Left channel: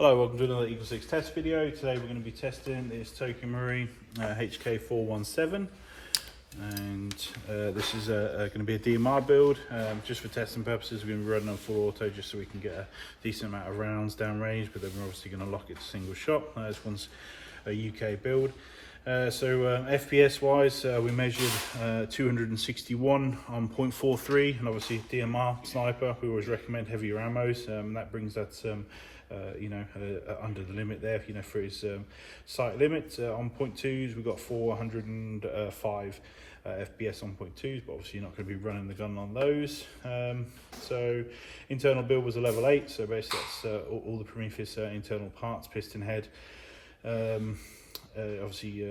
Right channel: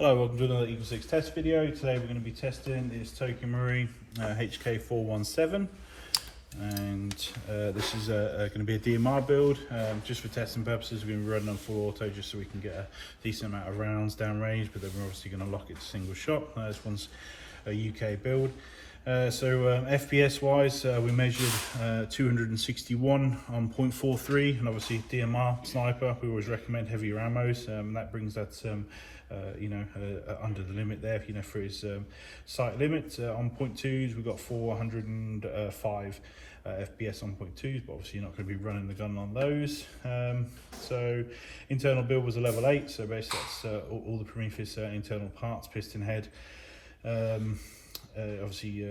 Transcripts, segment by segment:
Hello, welcome to another EagleSix test video. Today we're going to be testing this Tokyo Marine HK417, and this is going to be a DMR build. Just for testing purposes, we're going to be running on full auto just so we can get a decent amount of rounds down range, but then we're obviously going to lock it to single shot. This one's a UK build. FPS wise, we measured 261 on 0.43, and obviously DMR sniper, we always recommend heavier ammos. That brings that under the limit there, for his sight limit. On 0.2s, we've got 405 FPS on 0.2s, but obviously you're not going to be running the gun on those. So internal build was a level 8, so basically that's all the Prometheus internal parts: piston head, obviously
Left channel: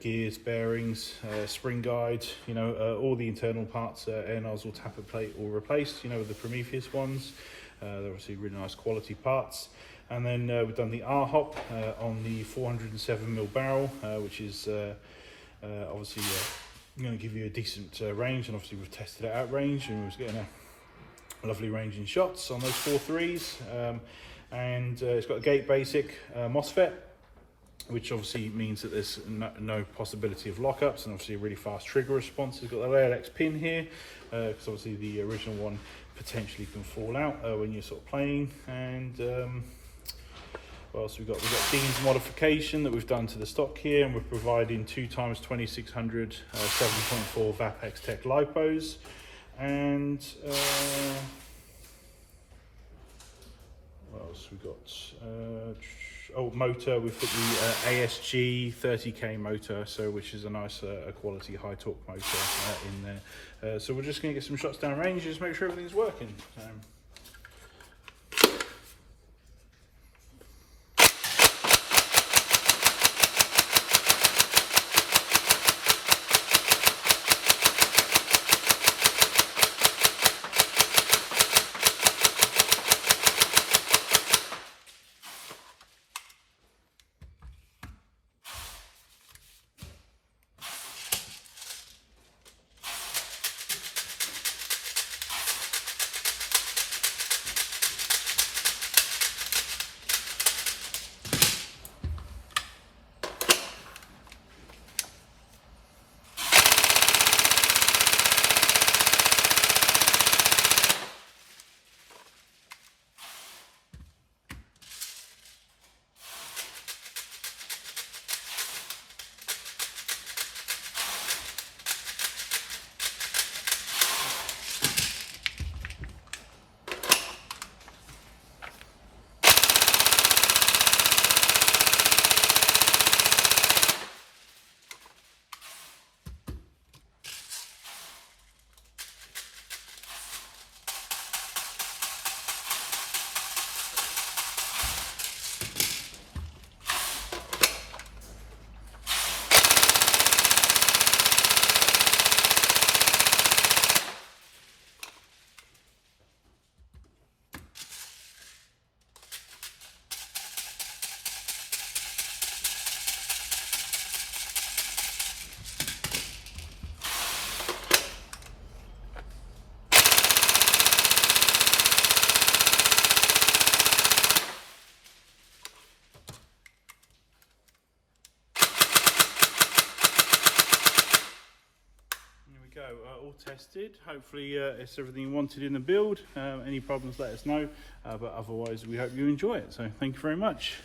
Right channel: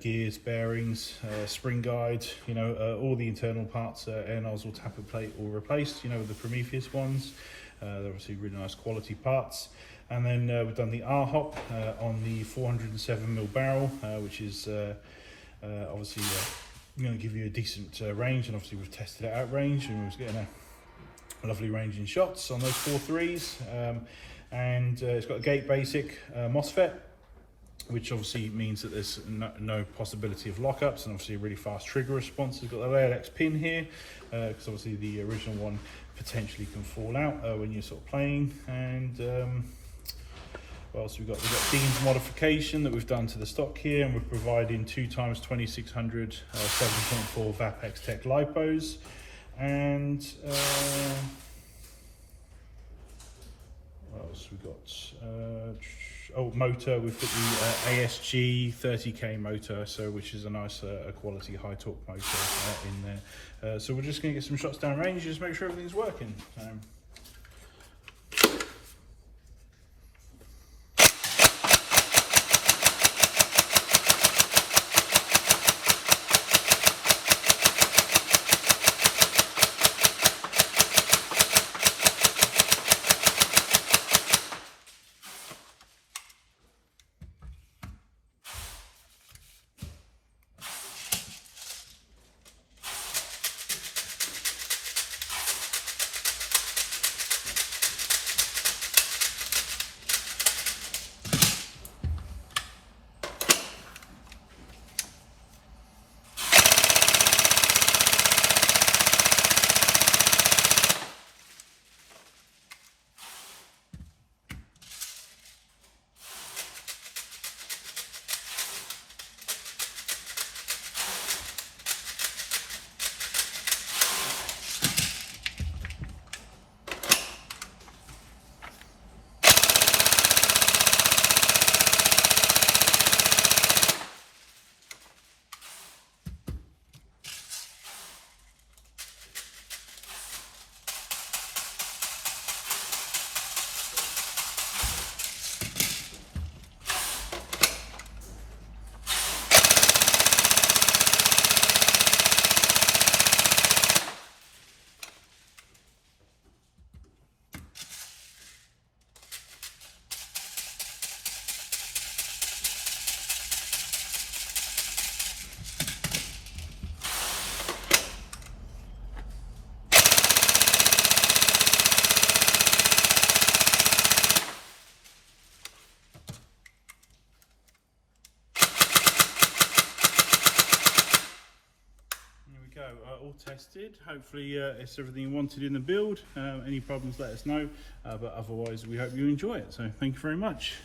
gears, bearings, spring guide, all the internal parts, air nozzle, tappet plate, all replaced, with the Prometheus ones. They're obviously really nice quality parts. And then we've done the R-hop on the 407mm barrel, which is obviously going to give you a decent range, and obviously we've tested it out range and we're getting a lovely range in shots on those 4.3s. And it's got a gate basic MOSFET, which obviously means that there's no possibility of lockups, and obviously a really fast trigger response. It's got the LX pin here, because obviously the original one potentially can fall out when you're sort of playing. And what else we've got beams modification that we've done to the stock here, and we're providing 2x2600 7.4 Vapex Tech lipos. And what else we got? Motor, we've put the ASG 30k motor, which is a nice quality high torque motor in there. So we're just going to get some shots down range, just make sure everything's working. All tested. Hopefully it's everything you wanted in the build. Any problems, let us know, but otherwise we hope you enjoy it. So thank you very much.